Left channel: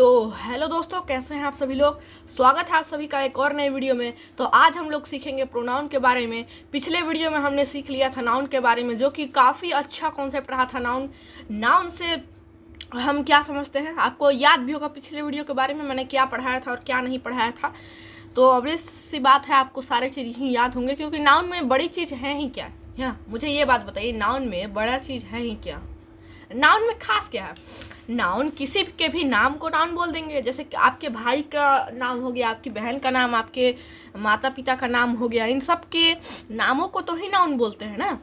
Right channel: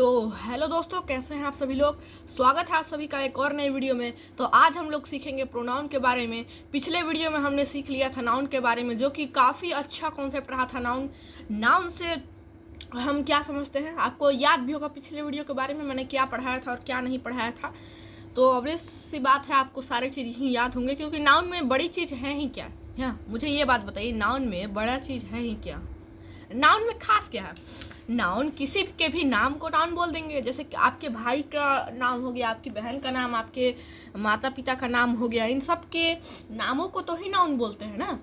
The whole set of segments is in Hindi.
तो हेलो दोस्तों, कैसे हैं आप सभी लोग। स्वागत है आप सभी का एक और नए वीडियो में। तो आज हम लोग सीखेंगे प्रोनाउन के बारे में। पिछले वीडियो में हमने सीख लिया था नाउन के बारे में, जो कि काफ़ी अच्छा कॉन्सेप्ट रहा था। नाउन से हम क्या समझते हैं, आपको याद भी होगा पिछले वीडियो के बारे में मैंने क्या पढ़ाया था और क्या नहीं पढ़ाया था। तो अब सी बात है, आपको सारे चीज़ ही याद होंगे, क्योंकि नाउन में बड़ी चीज़ है ही क्या। हाँ, मुझे ये बात बताइए, नाउन में बड़ा चीज़ है ही क्या। नाउन में खास क्या है। नाउन किसी के भी नाम को नाउन बोल देंगे। जैसे कि आपके भाई का नाम हो गया, आपकी बहन का नाम, आपके माता पिता का नाम हो गया, इन सब के नामों को तो ही नाउन बोलते हैं ना,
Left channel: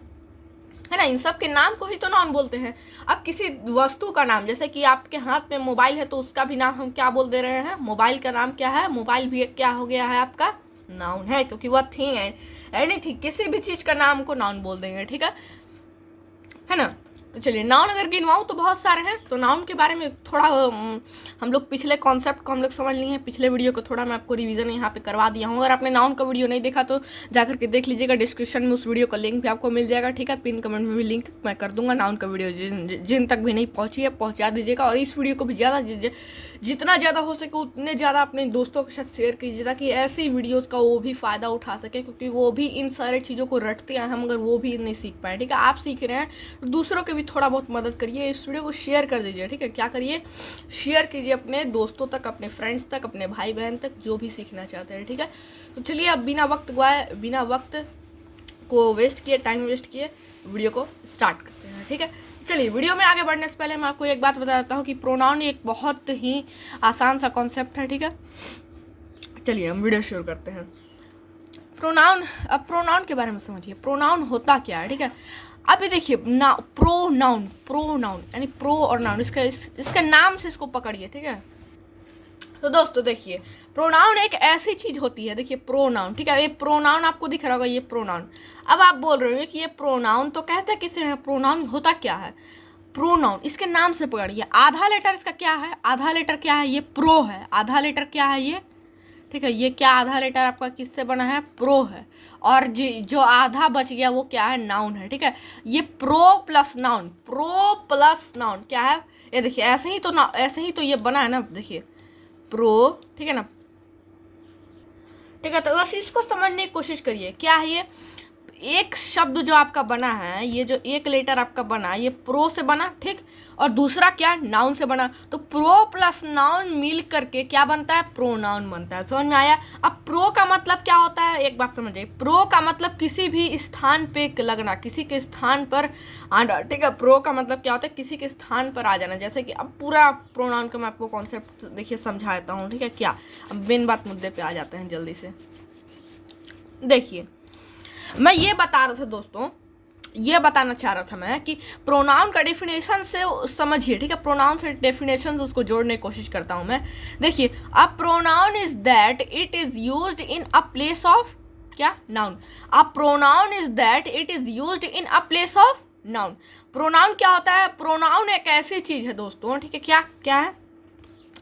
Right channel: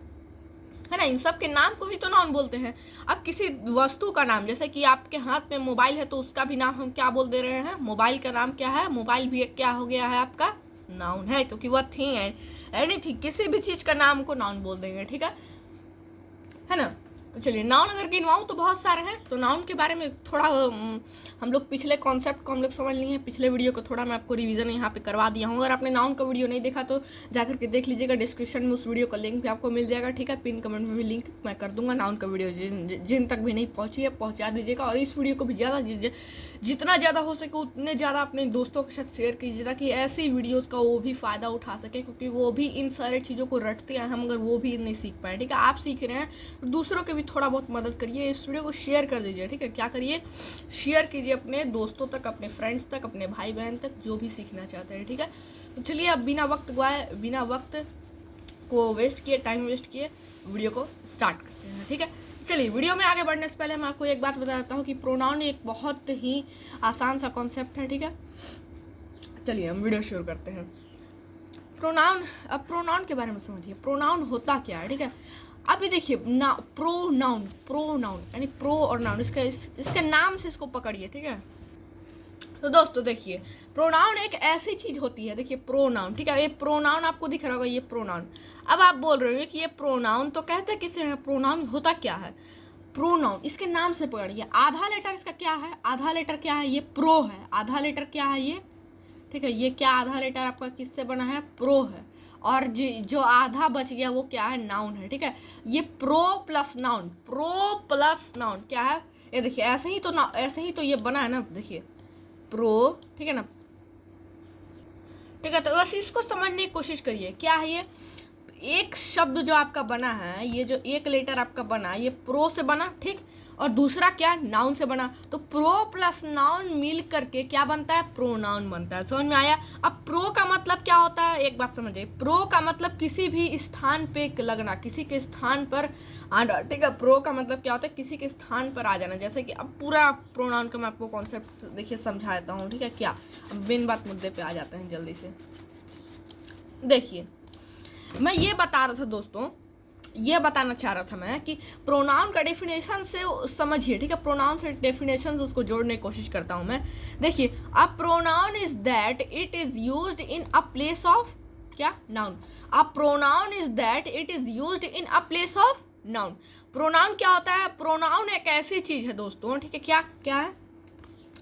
है ना। इन सब के नाम को ही तो नाउन बोलते हैं। अब किसी वस्तु का नाम, जैसे कि आपके हाथ में मोबाइल है तो उसका भी नाम हम क्या बोल दे रहे हैं, मोबाइल का नाम क्या है, मोबाइल भी एक क्या हो गया है, आपका नाउन है, क्योंकि वह थिंग है, एनीथिंग, किसी भी चीज़ का नाम को नाउन बोल देंगे, ठीक है ना। तो चलिए, नाउन अगर गिनवाऊँ तो बहुत सारे हैं। तो नाउन के बारे में थोड़ा हम लोग पिछले कॉन्सेप्ट को हम लोग समझ लिए हैं। पिछले वीडियो को थोड़ा मैं आपको रिवीजन यहाँ पे करवा दिया हूँ। अगर आपने नाउन का वीडियो नहीं देखा तो जाकर के देख लीजिएगा, डिस्क्रिप्शन में उस वीडियो का लिंक भी आपको मिल जाएगा, ठीक है। पिन कमेंट में भी लिंक मैं कर दूंगा। नाउन का वीडियो जिन तक भी नहीं पहुँची है पहुँचा दीजिएगा, और इस वीडियो को भी जितना ज़्यादा हो सके उतने ज़्यादा अपने दोस्तों के साथ शेयर कीजिए, ताकि ऐसी वीडियोज़ का वो भी फ़ायदा उठा सके, क्योंकि वो भी इन सारे चीज़ों को रटते हैं, हम अगर वो भी नहीं सीख पाए, ठीक है। आप सीख रहे हैं तो दूसरों के भी थोड़ा बहुत मदद करिए, इस वीडियो को शेयर कर दीजिए, ठीक है। क्या करिए, शेयर कीजिए अपने दोस्तों तक, अपने फ्रेंड्स तक, अपने भाई बहन तक, जो भी सीखना चाहते हैं, ठीक है। तो चलिए, अब बिना वक्त को वेस्ट किए, टाइम वेस्ट किए, वीडियो को स्टार्ट करते हैं, ठीक है। चलिए, वीडियो में आगे बढ़ने से पहले मैं आपको एक बात बता देता हूँ कि प्रोनाउन एक बहुत ही आसान सा कॉन्सेप्ट है, ठीक है। चलिए, हम वीडियो शुरू करते हैं। प्रोनाउन, अब प्रोनाउन के बारे में समझिए, प्रोनाउन होता क्या है, ठीक है। अभी देखिए, प्रोनाउन यानी प्रो और नाउन, इसका नाम से इसको पकड़िए, ठीक है। तो दोस्तों देखिए, प्रोनाउन एक ऐसी चीज होती है, देखिए प्रोनाउन, ठीक है। ये प्रोनाउन आपको दिख रहा होगा, ये प्रोनाउन। अब आप बोल रहे हो कि ये प्रोनाउन तो कहते हैं किसे, प्रोनाउन होता क्या है। प्रोनाउन इसके नाम से पकड़िए, आधा लेटर इसका क्या है, आधा लेटर क्या है, ये प्रो है। आधा लेटर क्या है ये, ठीक है। ये क्या आधा लेटर आपका किससे बना है, प्रो है। और जो आधा बच गया वो क्या है, नाउन है, ठीक है। ये प्रो प्लस नाउन क्या है, ये देखिए, ऐसे ही तो ये बना है ना, देखिए प्रो, ठीक है ना, ठीक है। तो बस इसको समझने की कोशिश करिए, क्या है ये, एक शब्द जो आपका बना है, ये जो एक लेटर आपका बना, ये प्रो से बना, ठीक, और दूसरा क्या, नाउन से बना। तो प्रो प्लस नाउन मिल करके क्या बनता है, प्रोनाउन बनता है। समझ में आया। अब प्रो का मतलब क्या होता है, एक बात समझिए, प्रो का मतलब किसी भी स्थान पे लगना, किसी के स्थान पर आना, ठीक है। प्रो का मतलब क्या होता है, किसी के स्थान पर आ जाना। जैसे कि अब पूरा प्रोनाउन का मैं आपको कॉन्सेप्ट देखिए समझाता हूँ, ठीक है। क्या, अब बिन बात मुद्दे पे आ जाते हैं जल्दी से। देखिए, मैं ये बता रहा था दोस्तों, ये बताना चाह रहा था मैं कि प्रोनाउन का डेफिनेशन से समझिए, ठीक है। प्रोनाउन से डेफिनेशन उसको जोड़ने की कोशिश करता हूँ मैं। देखिए, a pronoun is that it is used in a place of क्या, noun. A pronoun is that it is used in a place of noun. Pronoun क्या होता है, प्रोनाउन एक ऐसी चीज है दोस्तों, ठीक है। क्या क्या है,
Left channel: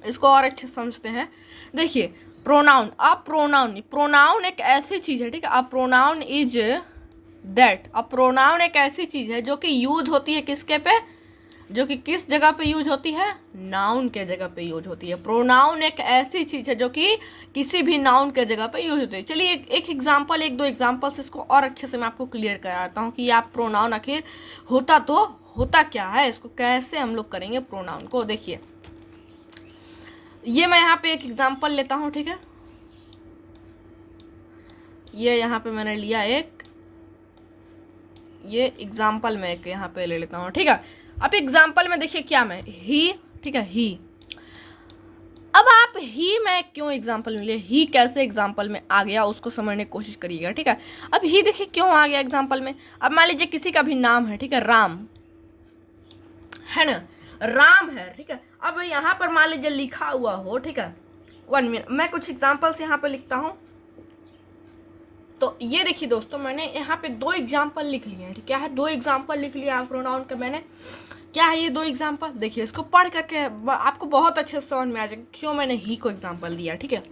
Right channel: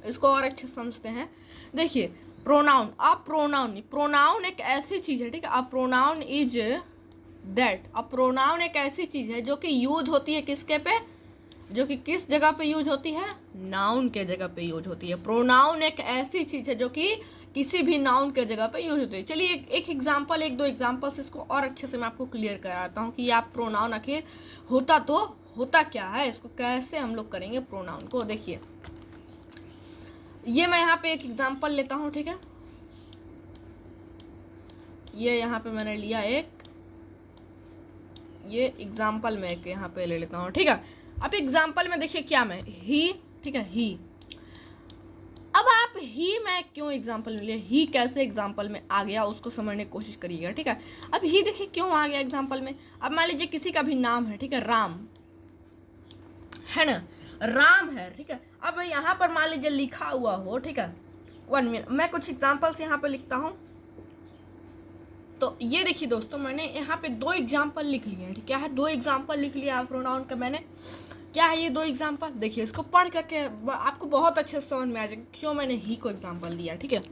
इसको और अच्छे समझते हैं। देखिए, प्रोनाउन एक ऐसी चीज है, ठीक है। अ pronoun is that, a pronoun एक ऐसी चीज है जो कि यूज होती है किसके पे, जो कि किस जगह पे यूज होती है, नाउन के जगह पे यूज होती है। प्रोनाउन एक ऐसी चीज है जो कि किसी भी नाउन के जगह पे यूज होती है। चलिए, एक दो एग्जांपल से इसको और अच्छे से मैं आपको क्लियर कराता हूँ कि आप प्रोनाउन आखिर होता क्या है, इसको कैसे हम लोग करेंगे प्रोनाउन को। देखिए, ये मैं यहाँ पे एक एग्जांपल लेता हूँ, ठीक है। ये यहाँ पे मैंने लिया ये एग्जाम्पल मैं एक यहाँ पे ले लेता हूँ, ठीक है। अब एग्जाम्पल में देखिए क्या, मैं ही, ठीक है, ही। अब आप ही में क्यों एग्जाम्पल मिले, ही कैसे एग्जाम्पल में आ गया, उसको समझने की कोशिश करिएगा, ठीक है। अब ही देखिए क्यों आ गया एग्जाम्पल में। अब मान लीजिए किसी का भी नाम है, ठीक है, राम है ना, राम है, ठीक है। अब यहाँ पर मान लीजिए लिखा हुआ हो, ठीक है, 1 मिनट, मैं कुछ एग्जाम्पल्स यहाँ पे लिखता हूँ। तो ये देखिए दोस्तों, मैंने यहाँ पे 2 एग्जाम्पल लिख लिए हैं, क्या है, 2 एग्जाम्पल लिख लिया प्रोनाउन का मैंने। क्या है ये 2 एग्जाम्पल, देखिए इसको पढ़ करके आपको बहुत अच्छे से समझ में आ जाएगा क्यों मैंने ही को एग्जाम्पल दिया, ठीक है।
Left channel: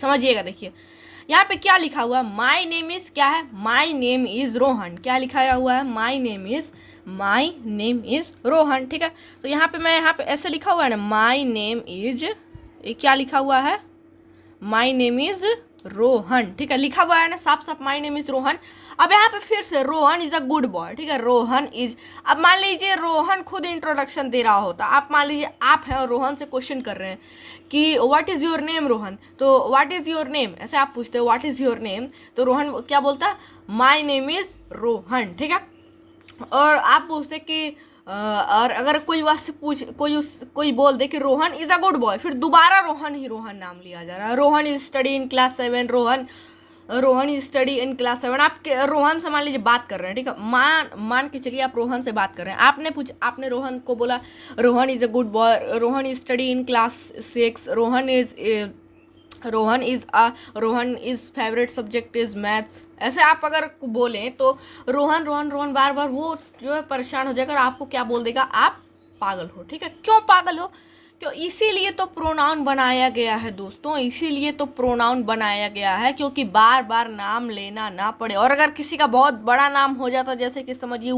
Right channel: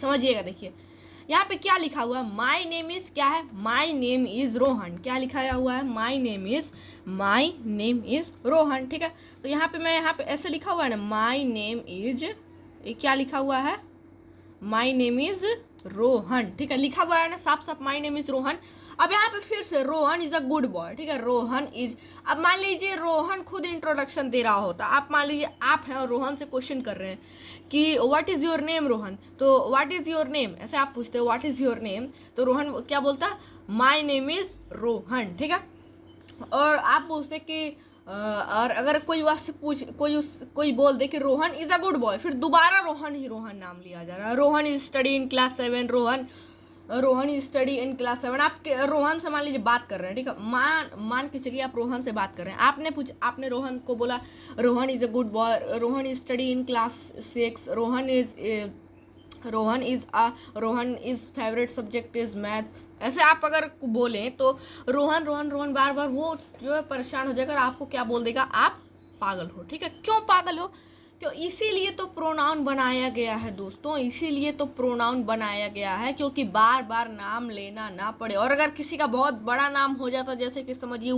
समझिएगा, देखिए यहाँ पे क्या लिखा हुआ है, माई नेम इज, क्या है, माई नेम इज रोहन। क्या लिखा हुआ है, my name is my name is Rohan, ठीक है। तो यहाँ पे ऐसे लिखा हुआ है ना, माई नेम इज, ये क्या लिखा हुआ है, माई नेम इज रोहन, ठीक है, लिखा हुआ है ना साफ साफ, माई नेम इज रोहन। अब यहाँ पे फिर से Rohan is a good boy, ठीक है, रोहन इज। अब मान लीजिए रोहन खुद इंट्रोडक्शन दे रहा होता, आप मान लीजिए आप हैं और रोहन से क्वेश्चन कर रहे हैं कि what is your name Rohan, तो व्हाट इज़ योर नेम, ऐसे आप पूछते हो व्हाट इज़ योर नेम, तो रोहन क्या बोलता, माई नेम इज़ रोहन, ठीक है। और आप पूछते कि और अगर कोई वास्ते पूछ कोई बोल दे कि Rohan is a good boy, फिर दोबारा रोहन ही रोहन नाम लिया जा रहा है, Rohan is study in class 7, Rohan is study in class 7। आप रोहन से मान लीजिए बात कर रहे हैं, ठीक है, मान के चलिए आप रोहन से बात कर रहे हैं, आपने रोहन को बोला Rohan is a good boy, Rohan is study in class 6, Rohan is favourite subject is maths. ऐसे आप अगर बोलें तो रोहन रोहन रोहन बार बार वो जो है परेशान हो जाएगा और आपको क्या बोल देगा, आप पागल हो, ठीक है। क्यों पागल हो, क्यों, इसीलिए तो प्रोनाउन बनाया गया है दोस्तों, इसीलिए तो प्रोनाउन बनाया गया है, क्योंकि बार बार नाम लेना ना पड़े। और अगर किसी का बहुत बड़ा नाम हो जाता, जैसे कि समझिए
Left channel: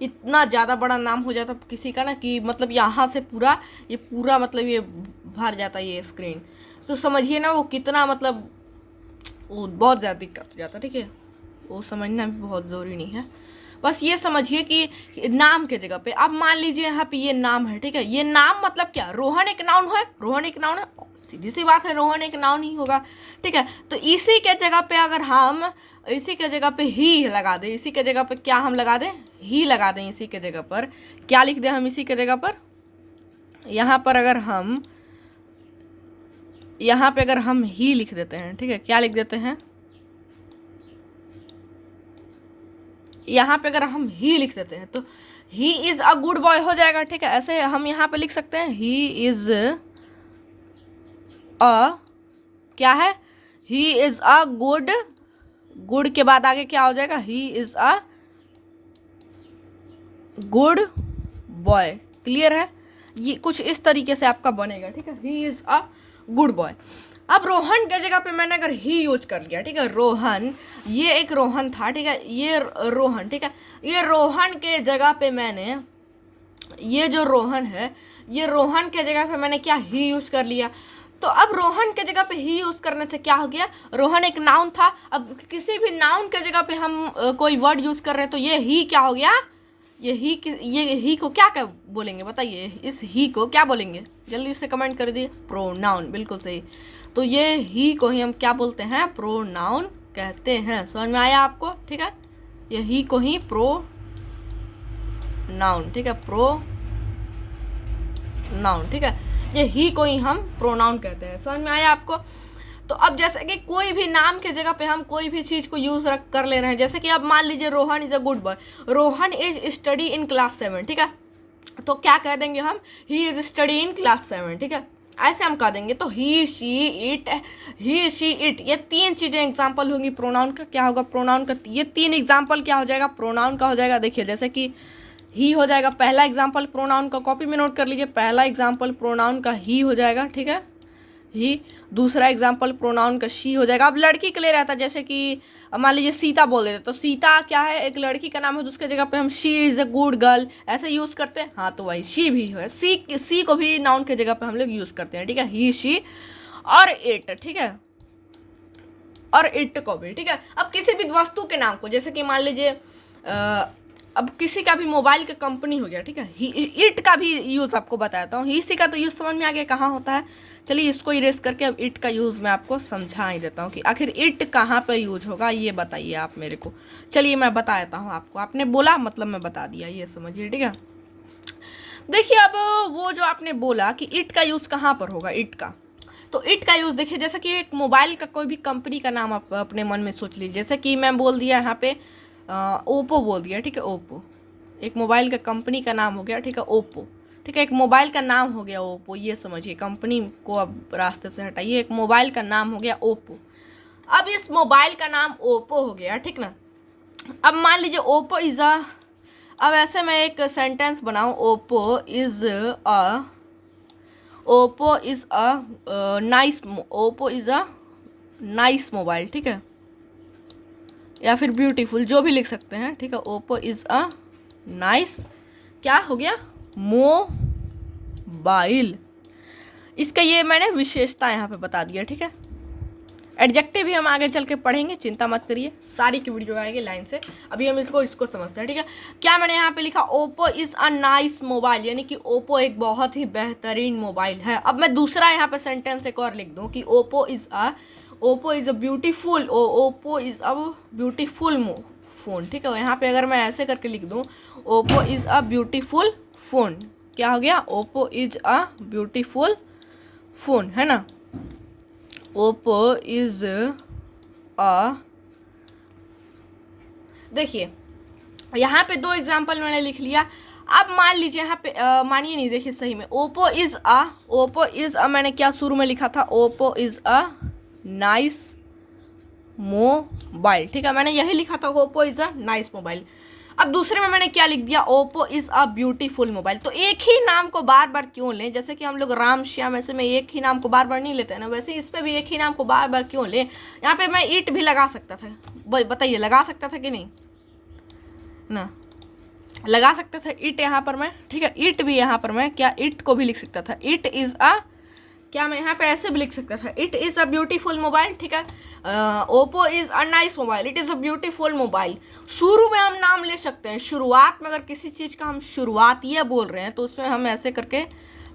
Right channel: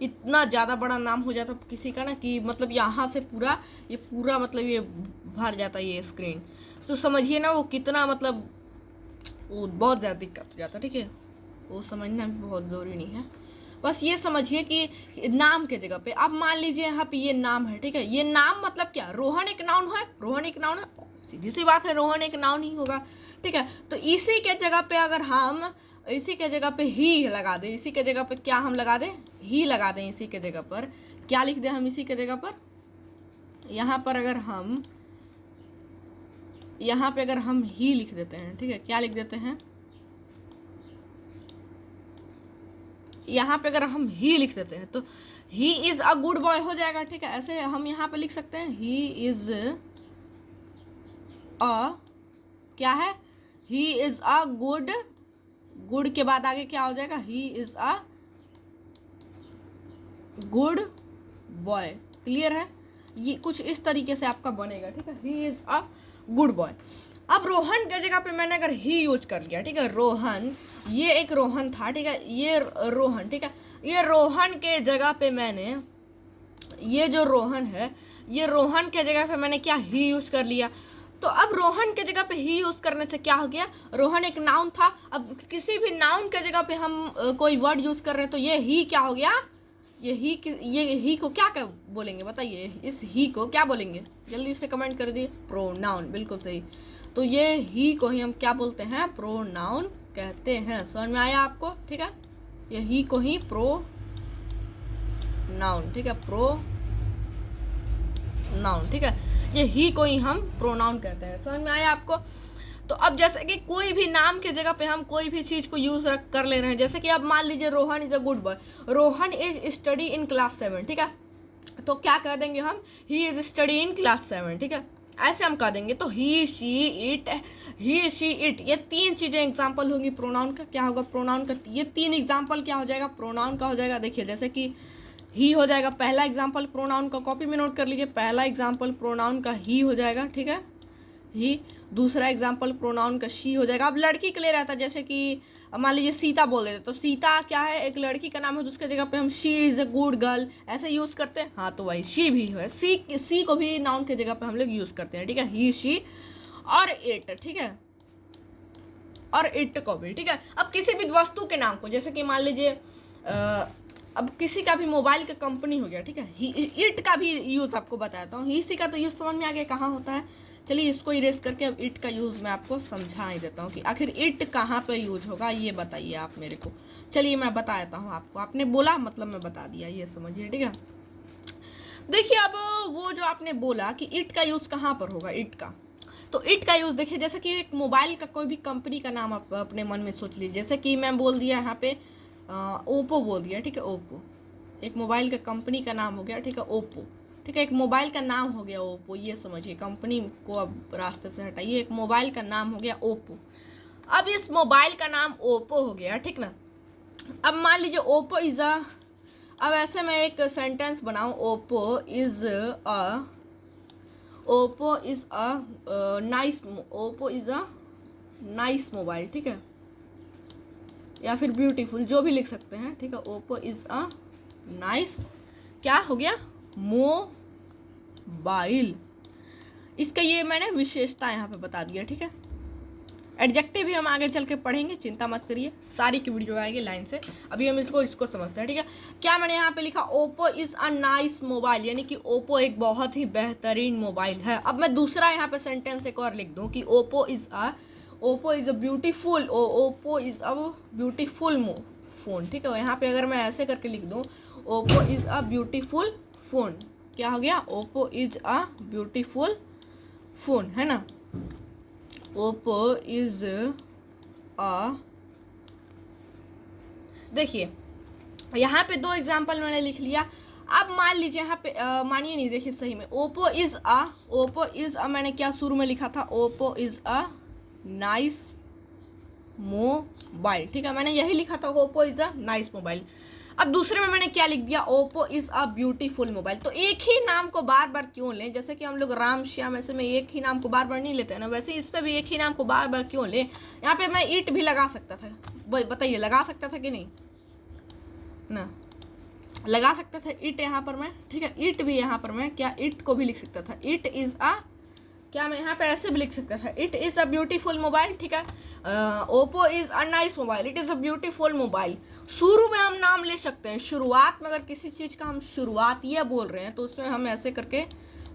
इतना ज़्यादा बड़ा नाम हो जाता किसी का ना, कि मतलब यहाँ से पूरा मतलब ये भर जाता ये स्क्रीन, तो समझिए ना वो कितना मतलब वो बहुत ज़्यादा दिक्कत हो जाता, ठीक है। वो समझना भी बहुत ज़रूरी नहीं है, बस ये समझिए कि नाम के जगह पे, अब मान लीजिए यहाँ पे ये नाम है, ठीक है, ये नाम मतलब क्या, रोहन एक नाउन है, रोहन एक नाउन है, सीधी सी बात है, रोहन एक नाउन ही होगा, ठीक है। तो इसी के जगह पे अगर हम इसी के जगह पे ही लगा दें, इसी के जगह पे क्या हम लगा दें, ही लगा दें, इसी के जगह पर क्या लिख दें हम, इसी के जगह पर यहाँ पर अगर हम यहाँ पे अगर हम ही लिख देते हैं, ठीक है, क्या लिख देते हैं, यहाँ पे अगर हम ही लिख देते हैं तो he is a good boy हो जाएगा, ठीक है। ऐसे हम यहाँ पे लिख सकते हैं ही इज अ, क्या है, ही इज अ गुड के बाद आगे क्या हो जाएगा, he is a good boy, clear है, ये कुछ इस तरीके से आपका बनेगा, ठीक है, he is a good boy. अब रोहन के जगह पे मैंने अगर ही यूज कर लिया, ठीक है, रोहन, ये एक रोहन था, ठीक है, ये रोहन, ठीक है, ये रोहन के जगह पे मैंने, ये जो रोहन है, ये रोहन के जगह पे मैंने क्या, ही यूज कर लिया। तो अब रोहन के जगह पे ही यूज करने से क्या हो गया, रोहन एक नाउन था, अब किसी भी नाउन के जगह पे हम कोई वर्ड यूज कर रहे हैं तो ये ही क्या हो गया, ये ही को क्या बोलेंगे बताइए, इस ही को क्या बोलेंगे, जल्दी से कमेंट कर दिए, प्रोनाउन, बिल्कुल सही। तो ये ही को ही हम क्या बोलते हैं, प्रोनाउन कहते हैं, समझ में आया आपको, ठीक है, ये ही को ही प्रोनाउन, ठीक है, प्रोनाउन, ठीक है, ये ही को ही हम प्रोनाउन कहते हैं, समझ में आया आपको। तो अब जैसे कि कोई भी नाम के जगह पे हम कोई भी चीज़ को यूज़ कर ले रहे हैं, जैसे कि अब मान लीजिए Rohan is a good boy, Rohan is study in class 7, ठीक है, तो क्या कह देंगे हम, he is study in class 7, ठीक है, ऐसे हम कह देंगे। तो ही शी इट, ये तीन चीज़ें एग्जाम्पल होंगी प्रोनाउन का, क्या होगा प्रोनाउन का, ये तीन एग्जाम्पल क्या हो जाएगा, प्रोनाउन का हो जाएगा। देखिए जैसे कि ही हो जाएगा पहला एग्जाम्पल प्रोनाउन का, कॉपी में नोट कर लीजिए, पहला एग्जाम्पल प्रोनाउन का ही हो जाएगा, ठीक है, ही। दूसरा एग्जाम्पल प्रोनाउन का शी हो जाएगा। अब लड़की के लिए रहता है, जैसे कि मान लीजिए सीता बोल देते, तो सीता क्या है, एक लड़की का नाम है, तो उसके जगह पे हम she is a good girl ऐसे यूज़ करते हैं, हाँ तो वही शी भी है, सी को भी नाउन के जगह पे हम लोग यूज़ करते हैं, ठीक है, ही शी और इट, ठीक है, और इट को भी, ठीक है। अब किसी भी वस्तु के नाम को, जैसे कि मान लीजिए अब किसी का भी मोबाइल का कंपनी हो गया, ठीक है, इट का भी यूज़ आपको बताता हूँ, ही सी का तो यूज़ समझ में आ गया कहाँ होता है। चलिए इसको इरेज करके अब इट का यूज़ मैं आपको समझा ही देता हूँ कि आखिर इट कहाँ पे यूज होगा, ये बताइए आप मेरे को। चलिए मैं बता देता हूँ आपको, आपने बोला मतलब मैं बता दिया, ये समझिए, ठीक है। देखिए अब वो जो आपने बोला कि इट का यूज़ कहाँ पर होगा, इट का, तो इट का यूज़ देखिए, जैसे कि एक मोबाइल का कोई भी कंपनी का नाम आप अपने मन में सोच लीजिए, जैसे कि मैं बोल दिया यहाँ पे ओप्पो बोल दिया, ठीक है, ओप्पो एक मोबाइल का कंपनी का नाम हो गया, ठीक है, ओप्पो, ठीक है, एक मोबाइल का नाम हो गया ओप्पो, ये समझिए, कंपनी को अब रास्ते से हटाइए, एक मोबाइल का नाम हो गया ओप्पो। अब इस मोबाइल का नाम ओप्पो हो गया, ठीक ना। अब मान लीजिए ओप्पो इज़ अ, अब ऐसे मैं एक सेंटेंस बनाऊँ, Oppo is a nice mobile, ठीक है, या फिर ब्यूटीफुल, जो भी लिख सकते हैं, ठीक है, ओप्पो इज़ अ नाइस क्या हो गया, मोबाइल। इसका ये मैंने विशेषता यहाँ पे बता दिया, ठीक है। एडजेक्टिव भी हम आगे चल के पढ़ेंगे, चिंता मत करिए, सारी की वीडियो आएगी लाइन से। अभी हम इसको समझते हैं, ठीक है। क्या मैंने यहाँ पे लिखा, Oppo is a nice mobile, यानी कि ओप्पो एक बहुत ही बेहतरीन मोबाइल है। अब मैं दूसरा यहाँ पे सेंटेंस एक और लिख दूँ कि Oppo is a beautiful phone, ठीक है। यहाँ पे अगर मैं ऐसे करके लिख दूँ, Oppo is a beautiful phone, क्या हो गया, Oppo is a beautiful phone, है ना। ओप्पो इज़ अ, देखिए यहाँ पे 2 एग्जाम्पल मैंने लिख लिया। अब मान लीजिए यहाँ पे मानिए नहीं, देखिए सही में ओप्पो इज़ अ मैंने क्या शुरू में लिखा था, Oppo is a nice mobile, ठीक है। मैंने यही लिखा था, Oppo is a nice mobile. अब दूसरे में मैंने क्या लिख दिया, Oppo is a beautiful mobile. तो एक ही नाम को बार बार क्यों लें, जैसे कि हम लोग राम श्याम ऐसे में एक ही नाम को बार बार नहीं लेते हैं ना, वैसे इस पर भी एक ही नाम को बार बार क्यों लें। यहाँ पे मैं ईट भी लगा सकता था, बताइए लगा सकता था कि नहीं ना, लगा सकता था ईट यहाँ पर मैं, ठीक है। ईट भी यहाँ पर मैं क्या ईट को भी लिख सकता था, इट इज़ अ, क्या मैं यहाँ पे ऐसे भी लिख सकता था, it is a beautiful mobile, ठीक है। Oppo is a nice mobile, it is a beautiful mobile. शुरू में हम नाम ले सकते हैं, शुरुआत में अगर किसी चीज़ का हम शुरुआत ये बोल रहे हैं तो उसमें हम ऐसे करके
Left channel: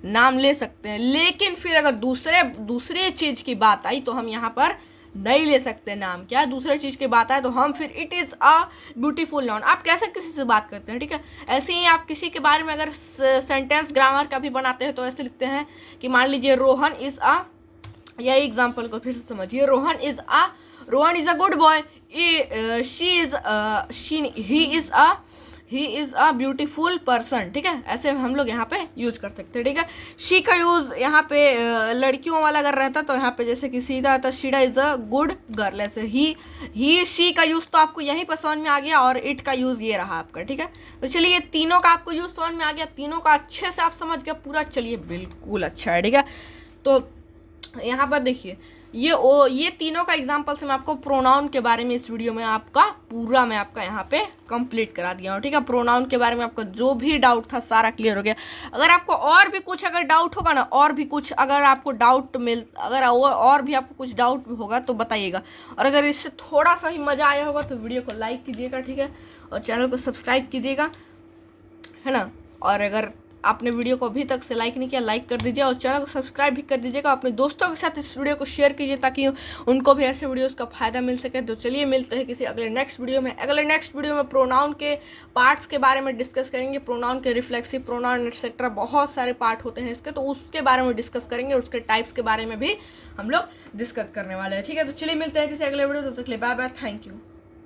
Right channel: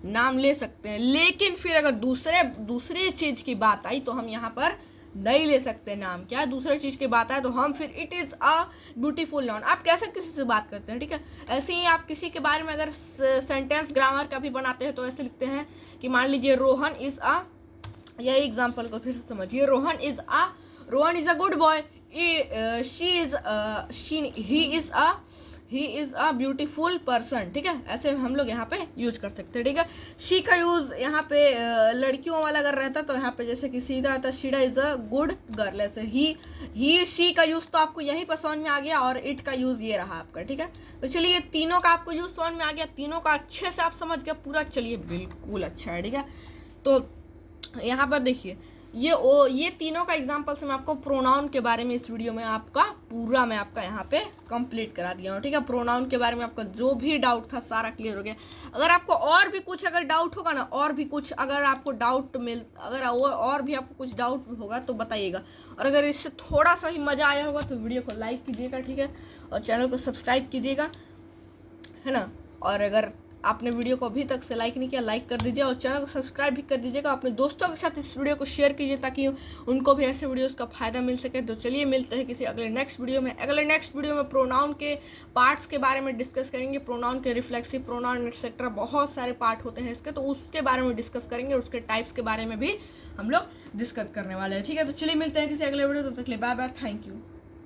नाम ले सकते हैं। लेकिन फिर अगर दूसरे चीज़ की बात आई तो हम यहाँ पर नहीं ले सकते नाम, क्या दूसरे चीज़ की बात आए तो हम फिर it is a beautiful noun. आप कैसे किसी से बात करते हैं, ठीक है। ऐसे ही आप किसी के बारे में अगर सेंटेंस ग्रामर का भी बनाते हैं तो ऐसे लिखते हैं कि मान लीजिए रोहन इज़ अ, यही एग्जाम्पल को फिर से समझिए, Rohan is a good boy, he is a beautiful person, ठीक है। ऐसे हम लोग यहाँ पे यूज कर सकते हैं, ठीक है। शी का यूज़ यहाँ पे लड़कियों वाला अगर रहता तो यहाँ पे जैसे कि सीधा आता, शीडा इज़ अ गुड गर्ल। ऐसे ही शी का यूज़ तो आपको यहीं पर समझ में आ गया, और इट का यूज़ ये रहा आपका, ठीक है। तो चलिए, ये तीनों का आपको यूज़ समझ में आ गया, तीनों का अच्छे से आप समझ गए पूरा, चलिए बिल्कुल अच्छा है, ठीक है। तो यहाँ पर देखिए, ये तीनों का एग्जाम्पल से मैं आपको प्रोनाउन के बारे में इस वीडियो में मैं आपका यहाँ पे कंप्लीट करा दिया हूँ, ठीक है। प्रोनाउन के बारे में आपका जो भी डाउट था सारा क्लियर हो गया। अगर आपको और भी कुछ अगर डाउट होगा ना, और भी कुछ अगर आपको और भी आपको कुछ डाउट होगा तो बताइएगा। और अगर इससे थोड़ा सा ही मज़ा आया होगा तो वीडियो को लाइक कीजिएगा, ठीक है, और चैनल को सब्सक्राइब कीजिएगा, है ना। और अगर आपने वीडियो को अभी तक से लाइक नहीं किया, लाइक कर दीजिए, और चैनल को सब्सक्राइब भी कर dीजिएगा। अपने दोस्तों के साथ इस वीडियो को शेयर कीजिए ताकि उनको भी ऐसे वीडियोस का फ़ायदा मिल सके। तो चलिए मिलते हैं किसी अगले नेक्स्ट वीडियो में प्रोनाउन के पार्ट्स के बारे में डिस्कस करेंगे, प्रोनाउन के रिफ्लेक्सिव प्रोनाउन एक्सेट्रा, बहुत सारे पार्ट होते हैं इसके, तो उसके बारे में डिस्कस करेंगे, उसके टाइप्स के बारे में भी हम लोग डिस्कस करने वाले हैं, ठीक है। तो चलिए मिलते हैं किसी अगले वीडियो, तब तक के लिए बाय बाय, थैंक यू।